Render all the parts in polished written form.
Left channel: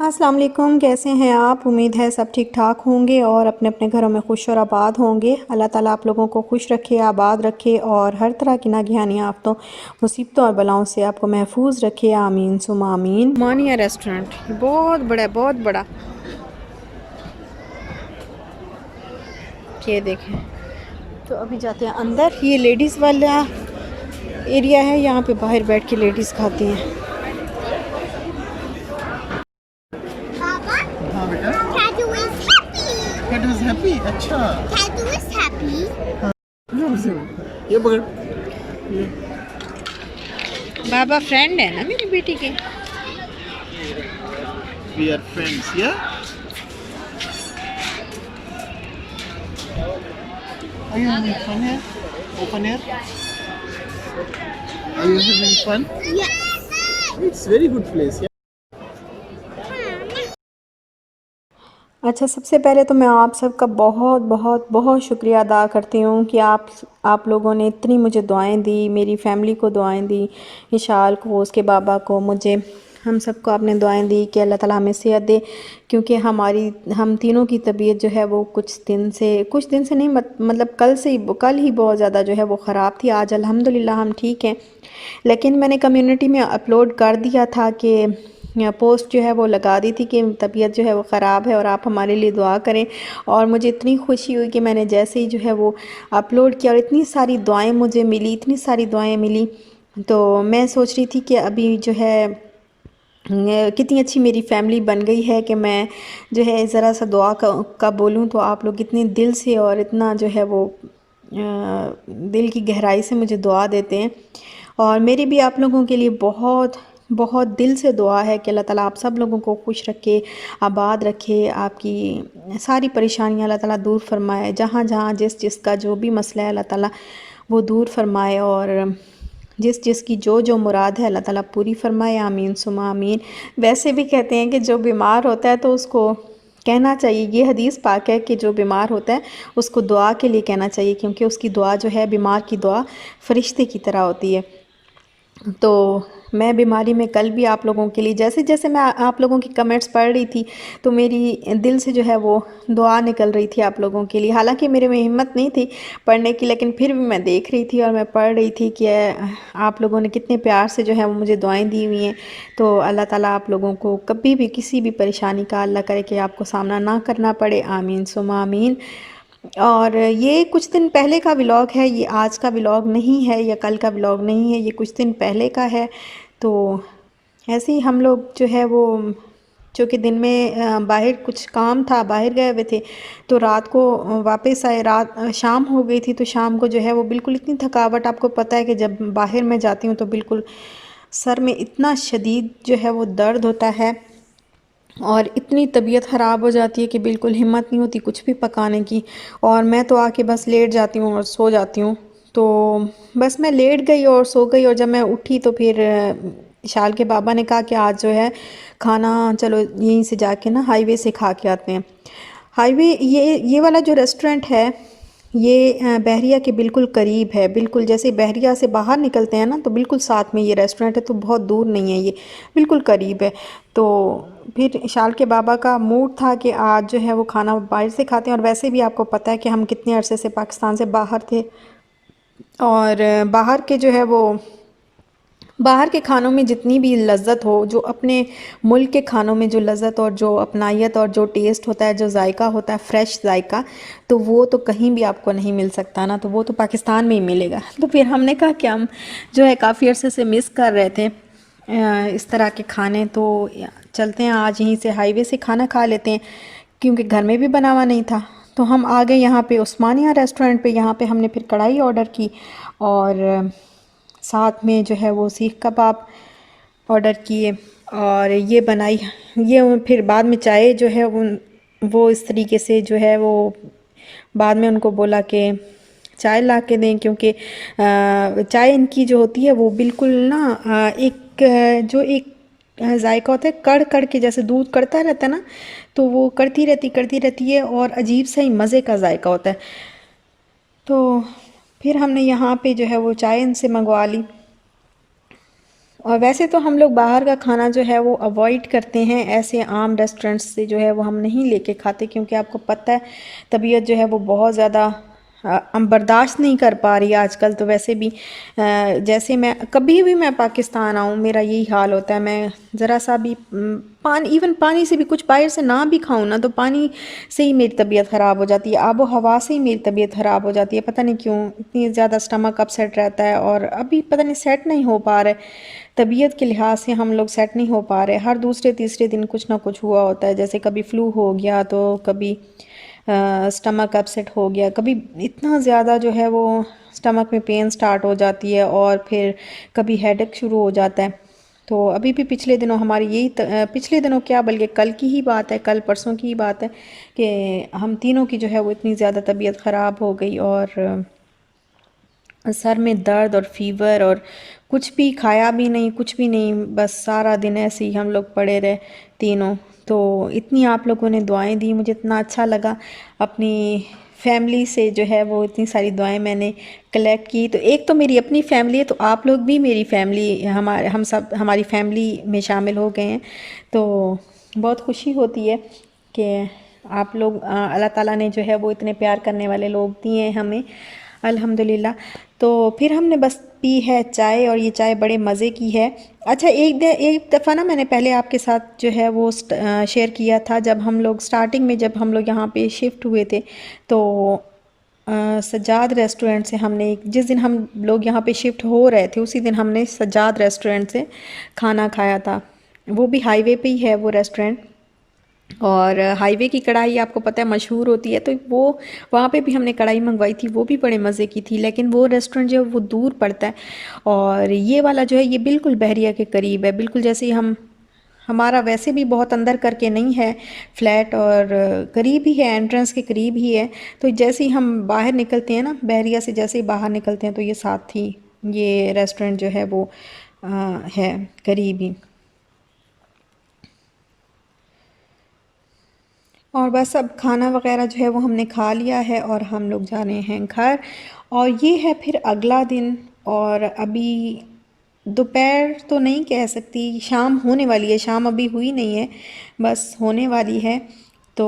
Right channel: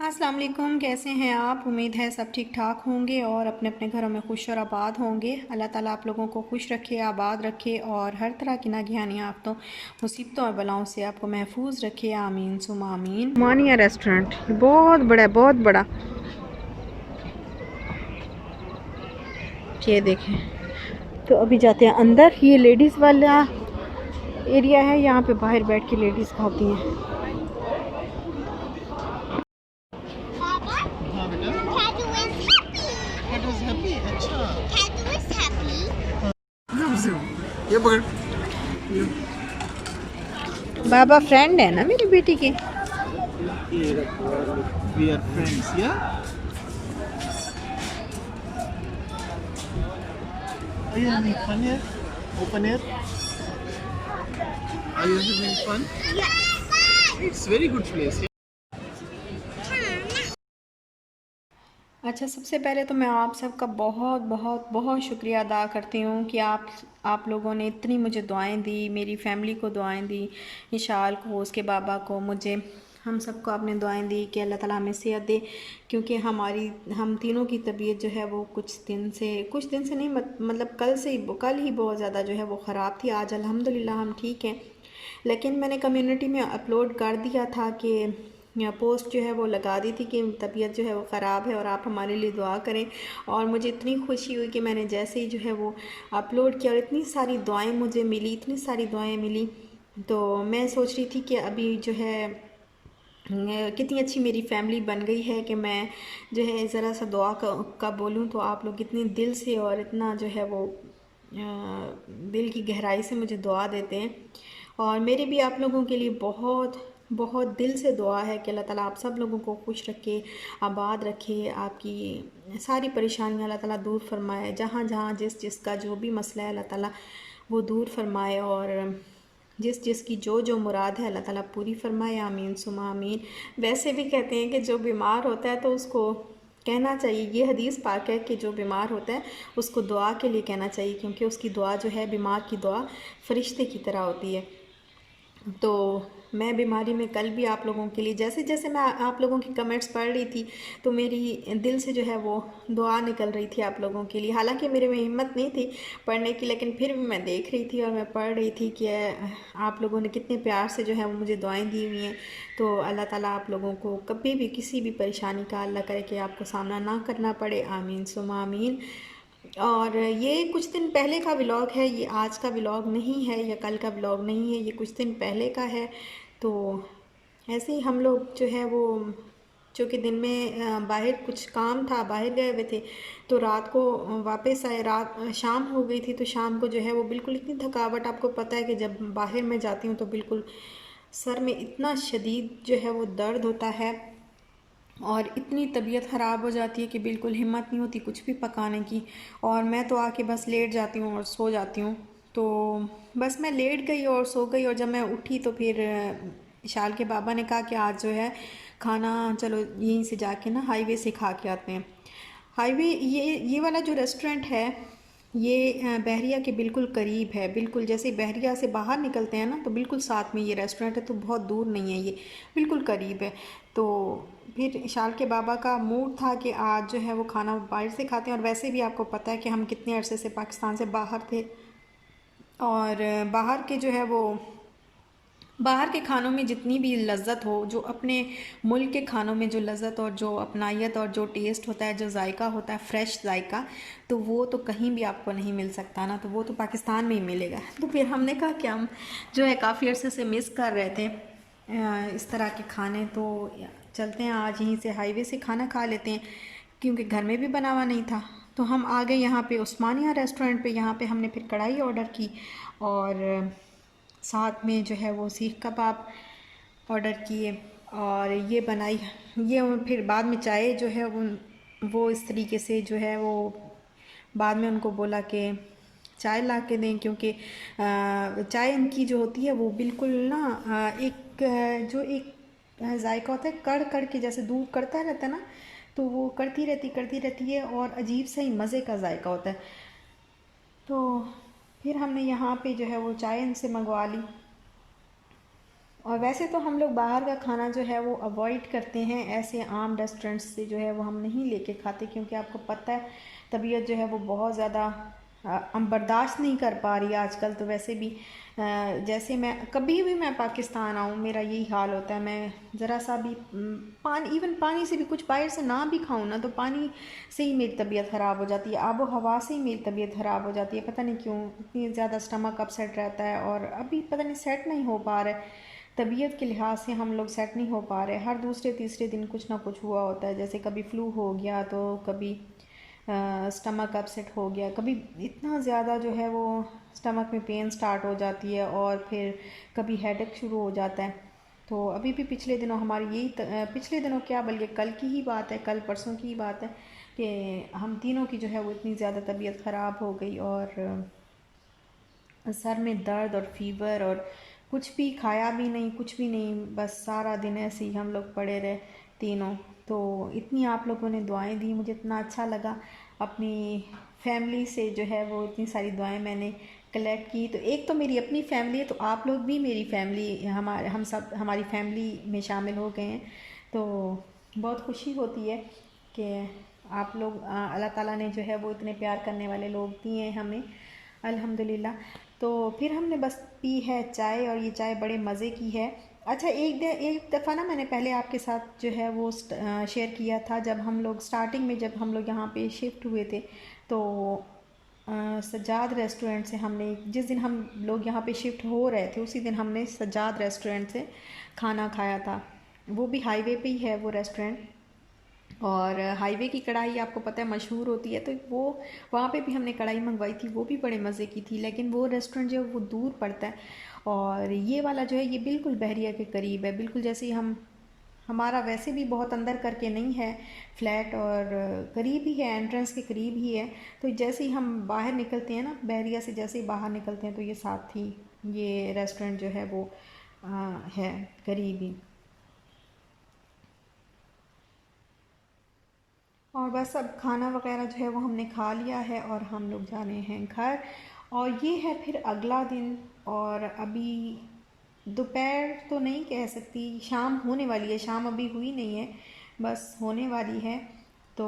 अस्सलाम वालेकुम। कैसे हैं आप? उम्मीद है सब ठीक ठाक होंगे और अपने अपने घरों में खुश और आबाद होंगे। अल्लाह ताला आप लोगों को खुश रखे, आबाद रखे और हर तरह की नागहानी आफतों, मुसीबतों और बलाओं से आपको महफूज रखे। आमीन सुमा आमीन। मानिया रेस्टोरेंट बहुत बड़ा है, बहुत बड़ा। ये देखें, तो अभी जाते हैं अंदर। ये लेडीज़ वाला एरिया है, यहाँ पे बाहर बैठ के लेडीज़ खाती हैं। हाँ बेटा, Cadu is happy. Cat is happy. अच्छा Cadu is happy. Zoom zoom ये पकड़ ये बाबा फ्रेंड है ना मेरी बेटी के। we are friends, yeah? Are you having fun here? Open air? Are you having fun? Yes. It's very good place, yeah? अच्छा, सबसे पहले तो मैं आप सबका बहुत बहुत बहुत शुक्रिया अदा करती हूँ कि आप लोगों ने इतनी मुझे दुआएं दी, मेरी फ़ैमिली को दुआएं दी, इशाल को, उसके बाबा को, मुझे, हम सबको आपने दुआएं दी कि अल्लाह ताला हमें सेहत दे। क्योंकि हम तीनों की तबीयत जो है वो कुछ दिन से नहीं, मतलब कल ही बहुत ज़्यादा जो है वो ख़राब थी। आज अल्हम्दुलिल्लाह हम ठीक हैं। लेकिन मैंने कम्युनिटी में अपलोड कर दिया था कि पोस्ट जो है वो लगा दी थी कि तबीयत जो है वो ख़राब है और आप हमारे लिए दुआ करें। और मुझे इतनी खुशी हुई कि मैंने जैसे ही जो है वो अपलोड किया और इतनी सारी दुआएं मुझे मिली, इतनी सारी दुआएं मिली। तो मैं सोच रही थी कि अभी जो है कितनी अच्छी मेरी फैमिली बन गई है कि मैं जो है ज़रा सा दुआ का बोलूँ तो आप लोग इतने दिल से और इतना जो है वो दिल की गहराई से मुझे दुआ देते हैं। और मेरी भी आप लोगों के लिए बहुत बहुत दिल से दुआ है कि अल्लाह ताला आप सब लोगों को खुश रखे, आबाद रखे, आपकी सारी परेशानियां अल्लाह ताला दूर फरमाए। जहाँ जहाँ जिसका जो भी मसला है अल्लाह ताला वो दूर फरमाए और जिसकी जो मुराद है अल्लाह ताला पूरी फरमाए। आमीन सुमा आमीन। वैसे भी कहते हैं कि जो बीमार होता है तो उसको कहना चाहिए, ये हदीस पाक है कि जो बीमार होता है उसको दुआ के लिए कहना चाहिए, क्योंकि उसकी दुआ जो है, बीमार की दुआ फरिश्ते की तरह होती है। तो मैं बीमारी में कल भी आप लोगों के लिए, जैसे जैसे मैं आप लोगों की कमेंट्स पढ़ रही थी तो मेरी दिल से जो है वो दुआ निकल रही थी आप लोगों के लिए। हालांकि मेरे में हिम्मत नहीं थी पढ़ने की, लेकिन फिर भी मैं देख रही थी और मैं पढ़ रही थी कि आप लोगों ने कितने प्यार से जो है वो मुझे दुआएं दी हुई हैं। तो अल्लाह ताला आप लोगों को कभी भी किसी भी परेशानी का अल्लाह करे कि आपको सामना ना करना पड़े। आमीन सुमा आमीन। और ये कुछ दिन पहले का व्लॉग है, ये आज का व्लॉग नहीं है या कल का व्लॉग नहीं है, ये कुछ दिन पहले का है। तो ऐसे ही हम लोग जो है वो, चूँकि दिन में बाहर कुछ काम था, बाहर गए हुए थे, तो रात को वापस आए। शाम हो गई थी, तो शाम को जो है वो बिल्कुल इतनी थकावट, आपको पता है कि जब बाहर मैं जाती हूँ तो बिल्कुल सर में इतना शदीद जो है वो दर्द होता है और इतनी तबीयत ख़राब हो जाती है कि बिल्कुल हिम्मत नहीं होती कुछ भी पकाने की। और मैं तो आके बस लेट जाती हूँ और सो जाती हूँ। तो बस मैं लेट गई और सो गई, और जब मैं उठी तो फिर शाल के बाबा ने कहा कि आज जो है खाना चलो यहीं से जाके ना हाईवे से खा के आते हैं। हाईवे, ये वाला जो रेस्टोरेंट है ये बहरिया के बिल्कुल करीब है। बिल्कुल जैसे बहरिया से बाहर निकलते हैं ना तो बिल्कुल साथ में ये रेस्टोरेंट है, तो बहुत दूर नहीं है, ये बिल्कुल करीब है। तो फिर शाल के बाबा का मूड था कि आज जो है वो खाना बाहर से खाते हैं। और वैसे भी आपको पता है कि हम कितने अरसे से पाकिस्तान से बाहर थे और बाहर के जो है वो, बाहर के खानों में जितनी भी लज़्ज़त हो, जो अपने मुल्क के खानों में जो लज़्ज़त और जो अपनायत और जो टेस्ट होता है, जो जायका होता है, फ़्रेश जायका, तो वो तो कहीं भी आपको नहीं मिल सकता ना, तो वो तो पाकिस्तान में ही मिलेगा। तो फिर हमने कहा कि हम जो है काफ़ी अरसे से मिस कर रहे थे इस तरह के खाने, तो चलते हैं आज यहीं से हाईवे से खाना खा लेते हैं, क्योंकि घर में भी बना हुआ नहीं था। तो हम आ गए यहाँ पे उस्मानिया रेस्टोरेंट पे। यहाँ पे हमने फिर कढ़ाई ऑर्डर की और साथ में जो है वो सीख कबाब ऑर्डर किए और ये बनाई। ये फिर बाद में चाय जो है वो इस तरीके से जो है वो बाद में उनको बोला कि चाय ला के दें, क्योंकि चाय इनकी जो होती है वो बिल्कुल ना जो एक जायका होता है कड़ कड़ के, जैसे दूध कड़ता रहता है ना, तो वो करती रहती है और अजीब सा ही मज़े का जायका होता है। तो फिर हमने यहाँ पे जो है वो चाय इनसे मंगवा ली और वैसे तो हम लोग बाहर का खाना जो है वो अवॉइड करते हैं, ऐसे आम रेस्टोरेंट्स से जो है वो हम नहीं लेके खाते, क्योंकि आपको पता है तबीयत जो है वो बहुत ज़्यादा हम बर्दाश्त नहीं कर पा रही आजकल। तो वैसे भी जैसे मैं कभी भी मैं पाकिस्तान आऊँ मेरा यही हाल होता है, मैं ज़रा सा भी पानी, इवन पानी से भी कुछ बाहर से ना भी खाऊँ ना, तो पानी से ही मेरी तबीयत ख़राब हो जाती है, आबो हवा से ही मेरी तबीयत ख़राब हो जाती है। पता नहीं क्यों इतनी ज़्यादा स्टमक अपसेट रहता है, और अभी पता नहीं सेट नहीं हो पा रहा है तबीयत के लिहाज से, हम लोग सेट नहीं हो पा रहे। हर दूसरे तीसरे दिन कुछ ना कुछ हुआ होता है, जैसे कभी फ्लू हो गया, तो कभी स्टमक अपसेट हो गया, कभी इतना ज़्यादा जो है वो स्टमक में पेन स्टार्ट हो जाती है, और फिर कभी हेडेक शुरू हो जाता है। तो अभी भी पिछले दिनों हमारी यही पिछले दिनों क्या, बल्कि कल की ही बात है, कल परसों की ही बात है कि हम तीनों की जो है वो इतनी ज़्यादा तबीयत ख़राब हो गई, और सर में दर्द और फीवर, और कुछ भी खाया भी नहीं, कुछ भी नहीं, बस सारा दिन ऐसे ही हम लोग पड़े रहे तीनों। तो इतनी आप लोगों ने दुआएं दी, मुझे इतना अच्छा लगा। अपनी फैमिली से जो है वो इतनी सारी दुआएं मैंने कलेक्ट की। तो एक तो मेरी अपनी फैमिली है, तो आप लोग भी मेरी फैमिली, हम सब हमारी फैमिली में शामिल हो गए हैं। तो बहुत खुशी होती है कि आप लोग अल्लाह ताला ने जो है वो इतने प्यार करने वाले लोग दिए हैं हमें, अल्हम्दुलिल्लाह। तो फिर हमने बस पी है चाय, और ये चाय बड़े मज़े की है। अच्छा, एक दफ़ा ना मैंने पहले आपके साथ जो है वो शेयर किया था, जब हम लोग स्टार्टिंग में जब हम लोग यहाँ पे शिफ्ट हुए थे, तो सज्जाद रेस्टोरेंट से हमने जिस दिन हम लोग यहाँ पे शिफ्ट हो रहे थे उसी दिन हमने सज्जाद रेस्टोरेंट से खाना खाया था। वो भी हाईवे पे ही है वो रेस्टोरेंट, और हाईवे की कढ़ाई आपको पता है मशहूर होती है, तो वो वहाँ पे भी हमने कढ़ाई मंगवाई थी, वो भी बड़े मज़े की थी। लेकिन वो रेस्टोरेंट जो है वो दूर पड़ता है, और ये वाला जो है ये बिल्कुल बहरिया के करीब है, बिल्कुल जैसे ही हम, हमारा वैसे भी बहुत अंदर करके नहीं है फ्लैट, और करीब ही है, एंट्रेंस के करीब ही है। तो जैसे ही हम बाहर निकलते हैं ना बहरिया से, जैसे ही बाहर निकलते हैं तो ये साथ ही ये रेस्टोरेंट जो है वो है करीब ही। और बस अब खाना वगैरह जो है वो हमने खा लिया है, और हम लोग जा रहे हैं घर। और ये है फिर अगला दिन, और अभी दोपहर तो नहीं कह सकती, शाम होने वाली है, शाम अभी हुई नहीं है, बस होने वाली है। तो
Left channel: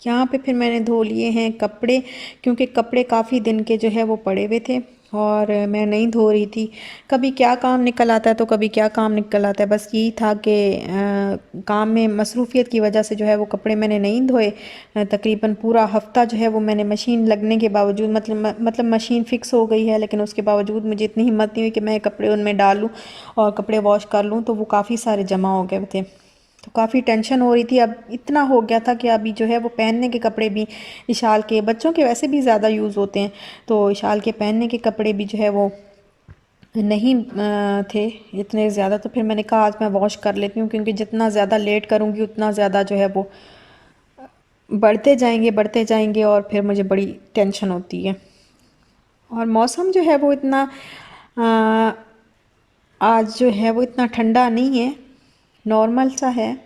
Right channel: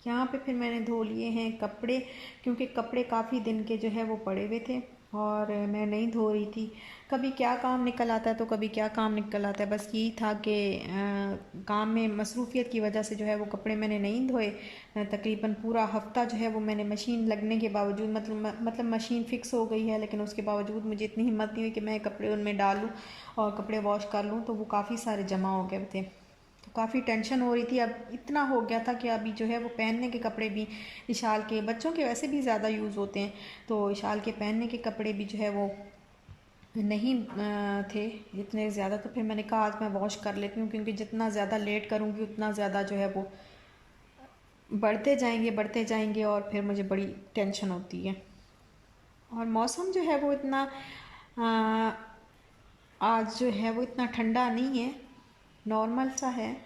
यहाँ पे फिर मैंने धो लिए हैं कपड़े, क्योंकि कपड़े काफ़ी दिन के जो है वो पड़े हुए थे, और मैं नहीं धो रही थी। कभी क्या काम निकल आता है तो कभी क्या काम निकल आता है, बस यही था कि काम में मसरूफ़ियत की वजह से जो है वो कपड़े मैंने नहीं धोए। तकरीबन पूरा हफ़्ता जो है वो मैंने मशीन लगने के बावजूद, मतलब मशीन फ़िक्स हो गई है, लेकिन उसके बावजूद मुझे इतनी हिम्मत नहीं हुई कि मैं कपड़े उनमें डालूँ और कपड़े वॉश कर लूँ, तो वो काफ़ी सारे जमा हो गए थे। तो काफ़ी टेंशन हो रही थी, अब इतना हो गया था कि अभी जो है वो पहनने के कपड़े भी, इशाल के बच्चों के वैसे भी ज़्यादा यूज़ होते हैं, तो इशाल के पहनने के कपड़े भी जो है वो नहीं थे इतने ज़्यादा। तो फिर मैंने कहा आज मैं वॉश कर लेती हूँ, क्योंकि जितना ज़्यादा लेट करूँगी उतना ज़्यादा जो है वो बढ़ते जाएंगे, और फिर मुझे बड़ी टेंशन होती है। और मौसम जो है वो इतना अ, आज जो है वो इतना ठंडा नहीं है, नॉर्मल सा है।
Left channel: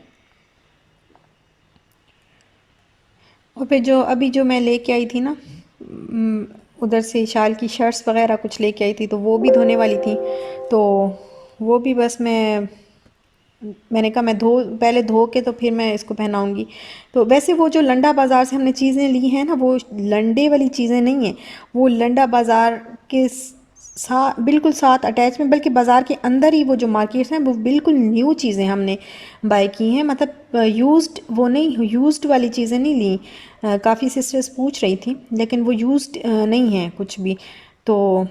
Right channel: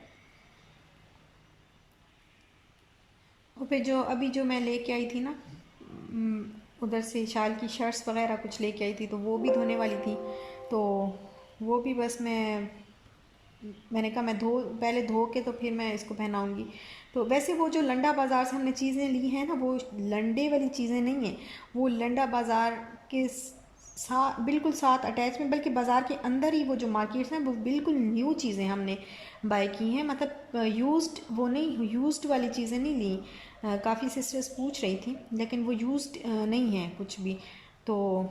और फिर जो अभी जो मैं लेके आई थी ना, उधर से शाल की शर्ट्स वगैरह कुछ लेके आई थी, तो वो भी धोने वाली थी। तो वो भी बस मैंने कहा मैं पहले धो के तो फिर मैं इसको पहनाऊंगी। तो वैसे वो जो लंडा बाज़ार से हमने चीज़ें ली हैं ना, वो लंडे वाली चीज़ें नहीं हैं, वो लंडा बाज़ार के बिल्कुल साथ अटैच में, बल्कि बाज़ार के अंदर ही वो जो मार्केट्स हैं वो बिल्कुल न्यू चीज़ें हमने बाय की हैं, मतलब यूज्ड, वो नहीं, यूज्ड वाली चीज़ें नहीं ली। काफ़ी सिस्टर्स पूछ रही थी, लेकिन वो यूज्ड नहीं है कुछ भी। तो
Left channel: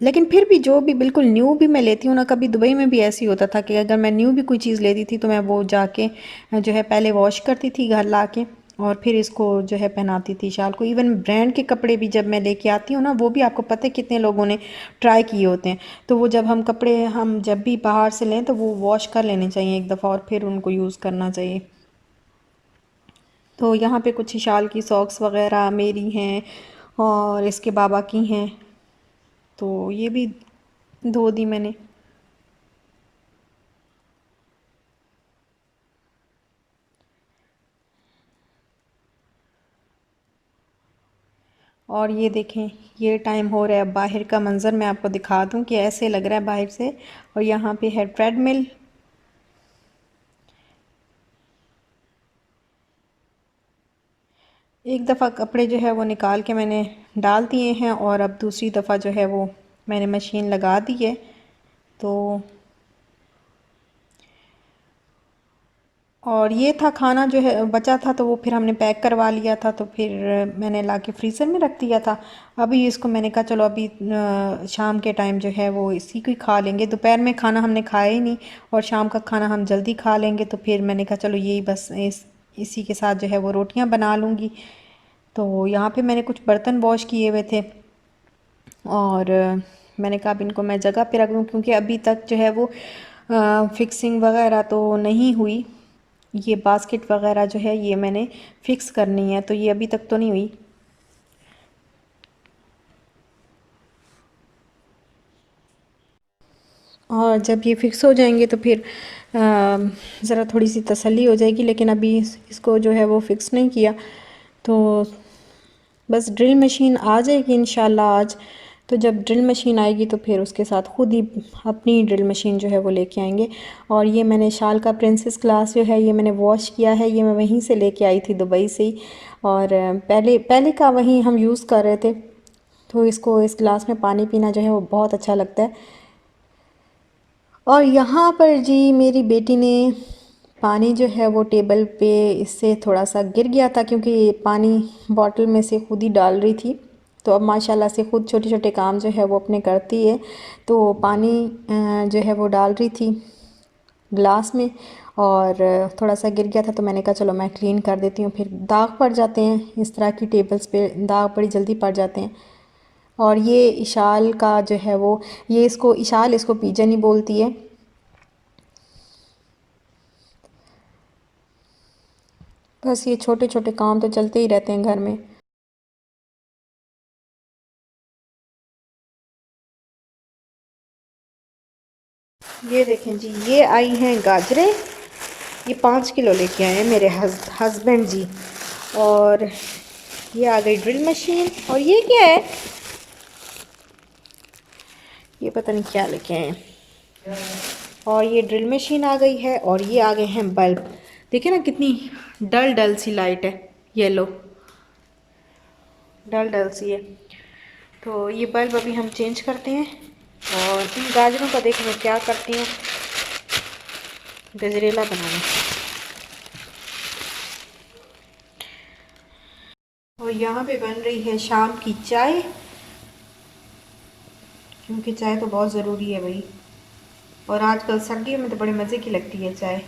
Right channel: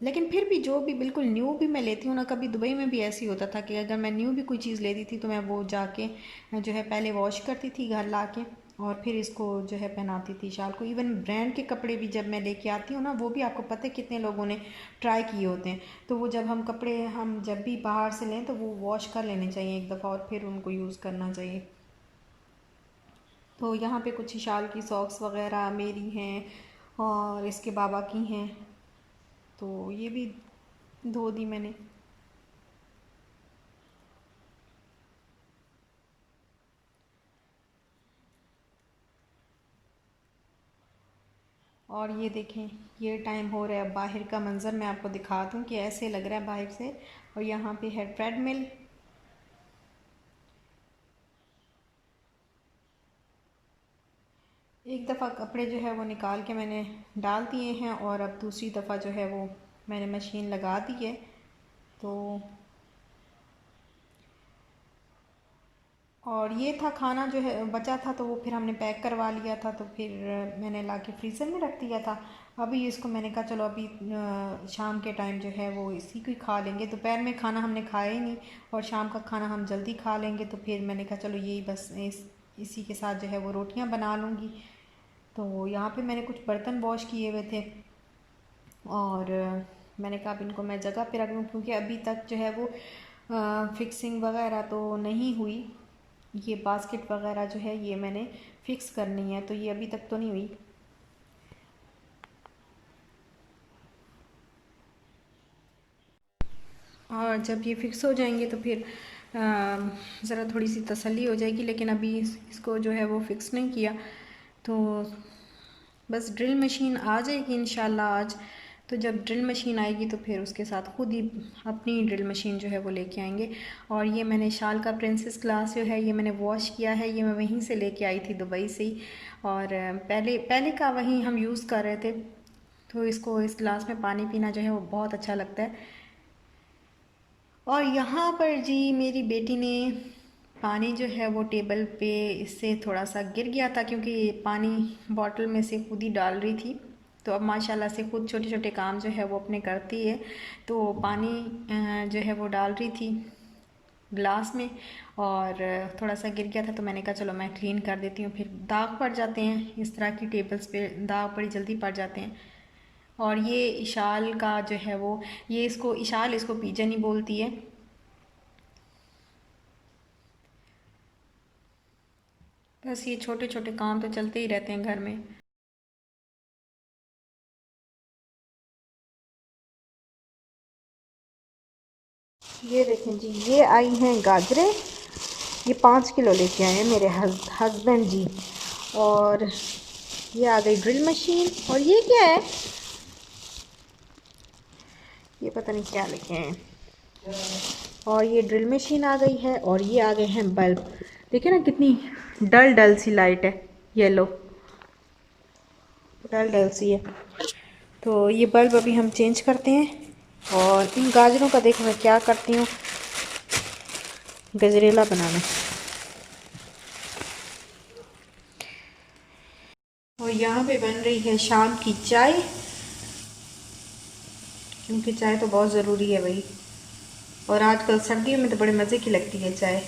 लेकिन फिर भी जो भी बिल्कुल न्यू भी मैं लेती हूँ ना, कभी दुबई में भी ऐसे ही होता था कि अगर मैं न्यू भी कोई चीज़ लेती थी तो मैं वो जाके जो है पहले वॉश करती थी घर ला के, और फिर इसको जो है पहनाती थी शाल को। इवन ब्रांड के कपड़े भी जब मैं लेके आती हूँ ना, वो भी आपको पता है कितने लोगों ने ट्राई किए होते हैं, तो वो जब हम जब भी बाहर से लें तो वो वॉश कर लेने चाहिए एक दफ़ा, और फिर उनको यूज़ करना चाहिए। तो यहाँ पे कुछ शाल की सॉक्स वगैरह मेरी हैं, और इसके बाबा की हैं, तो ये भी धो दी मैंने। और ये देखें, ये टाइम हो रहा है। बाहर का मंज़र मैं आपको दिखा दूं कि ऐसे लग रहा है बाहर से। और यहाँ पे है ट्रेडमिल। एक दफ़ा कपड़े जो है वो निकाल के मैंने डाल दिए हैं और अब दूसरी दफ़ा जो है वो मैंने मशीन लगा दी है। तो और ये था खाना जो है बचा था, तो वो फिर हमने पैक करवा लिया था, तो फिर मैंने ला के फ्रीज़र में रख दिया था। अभी इसको मैंने कहा चलो अभी शाम के टाइम जो है वो इसी को ही खा लेंगे। दोपहर में खाना हमने खाया ही नहीं और शाम का खाना हम जल्दी खा लेंगे। तो फिर मैंने कहा चलो यही बस इसी के साथ जो है वो रोटियां बना लूँगी। तो यहाँ पे मैंने कुछ बर्तन वॉश किए हुए थे और मैंने कहा अब इनको मैं जगह पे रख दूँ, क्योंकि अभी तक जो है वो फिक्सिंग वगैरह तो नहीं हुई। ये बास्केट वगैरह जो है ये मैंने फ़िक्स करनी है, तो ये अभी तक तो नहीं हुई। और जब ये फ़िक्स हो जाएंगे तो फिर ज़रा थोड़ी सी तसल्ली हो जाएगी। लेकिन अभी इसको जो है वो फ़िक्स नहीं किया, तो बस ड्रिल मशीन आ जाएगी इंशाल्लाह आज। तो जब ड्रिल मशीन आएगी तो फिर उसके साथ ख़ुद ही अपनी ड्रिल मशीन जो है वो लेके आएंगे। और ये मैंने शाल का प्रिंसेस ग्लास जो है ये मैंने वॉश किया है, ये मैं वहीं से लेके आई थी दुबई से ही। और पहले का वहीं हम यूज़ कर रहे थे, तो इसको इस गिलास में पानी पीना जो है वो बहुत अच्छा लगता है। और यहाँ पर जी मेरी बेटी ने पानी जो है वो टेबल पे इससे थोड़ा सा गिर गया था, क्योंकि पानी बॉटल में से खुद ही डाल रही थी। तो अब माशाल्लाह से खुद छोटे छोटे काम जो है वो अपने करती है। तो पानी जो है वो डाल रही थी ग्लास में और थोड़ा सा गिर गया था, तो मैंने कहा चलो मैं क्लीन कर देती हूँ। फिर दाग पड़ जाते हैं इस तरह की टेबल्स पे, दाग बड़ी जल्दी पड़ जाते हैं। और ये इशाल का जो है वो, ये इसको इशाल, इसको पीजन ही बोलती है। बस ये छोटे छोटे काम तो चलते ही रहते हैं घर में। ये देखें जी, ये आई हैं गाजरें, ये 5 किलो लेके आए हैं मेरे हस्बैंड जी। और ये आ गई ड्रिल मशीन। और ये क्या है, ये पता नहीं क्या लेके आए हैं। और ये ड्रिल मशीन आ गई है और ये आ गए हैं बल्ब। देखिए ना कितनी डल डल सी लाइट है, येलो डल डल सी है। तो ये बल्ब अभी हम चेंज करते हैं। और इन गाजरों का देखो मैं क्या करती हूँ, गजरेला बनाना। और यहाँ पे बन रही है शाम की चाय, क्योंकि चाय तो बहुत ज़रूरी है भाई। और आजकल सर्दियों में तो बड़े मज़े की लगती है चाय।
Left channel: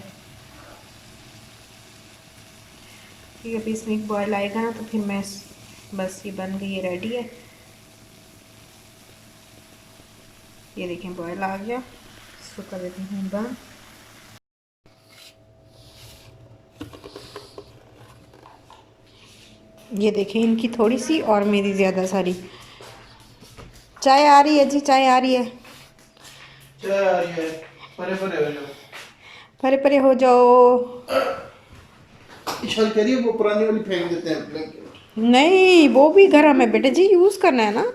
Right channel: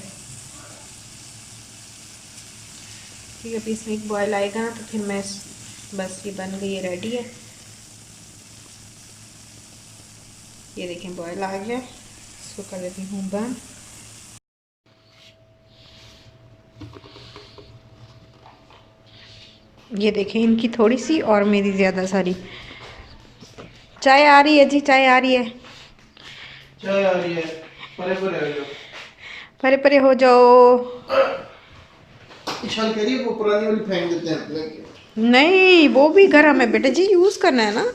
ठीक है, अभी इसमें एक बॉयल आएगा ना तो फिर मैं बस ये बन गई है, रेडी है। ये देखें बॉयल आ गया, इसको कर देती हूँ बंद। ये देखें इनकी थोड़ी सी और मेरी ज़्यादा सारी। चाय आ रही है जी, चाय आ रही है। चाय आ रही है, परे परे हो जाओ, परे परे हो जाओ। इशाल कह रही है वो पुरानी वाली फेंक देते हैं ब्लैंकेट। नहीं, वो भी घर हमें बेटे जी यूज़ करना है ना।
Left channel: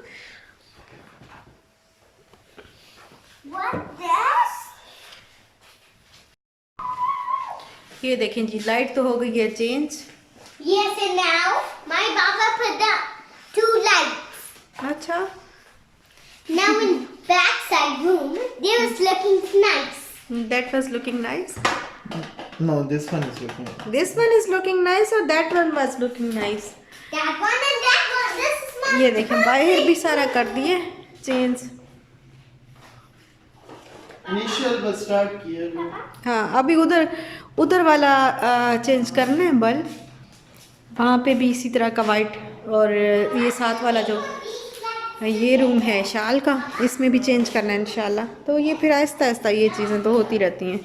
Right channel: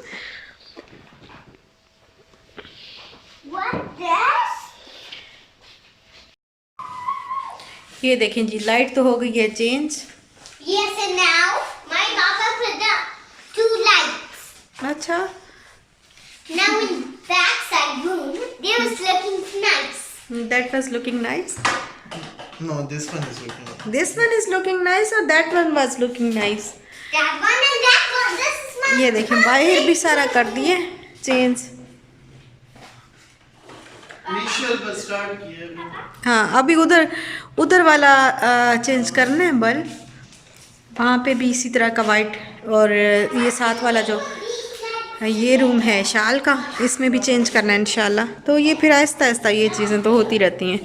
ये देखें जी, लाइट तो हो गई है change. Yes, and now my Baba put up 2 lights. अच्छा, Now in backside room, they was looking nice. that was looking nice. No, this one is looking. This one is looking nice or that one was looking nice. That one and that one. This is my. ये देखें बाहर भी सारा कर दिए change. Initial बस start किया। हाँ, अभी उधर वाला चेंज करना है बल्ब, वहाँ पे भी इसी तरह का वाइट। और ये साथ वाला जो ये रूम है शाल का, इसमें भी चेंज करना है इंशाल्लाह। तो ये फिर आहिस्ता आहिस्ता ये चीज़ें तो होती रहती हैं।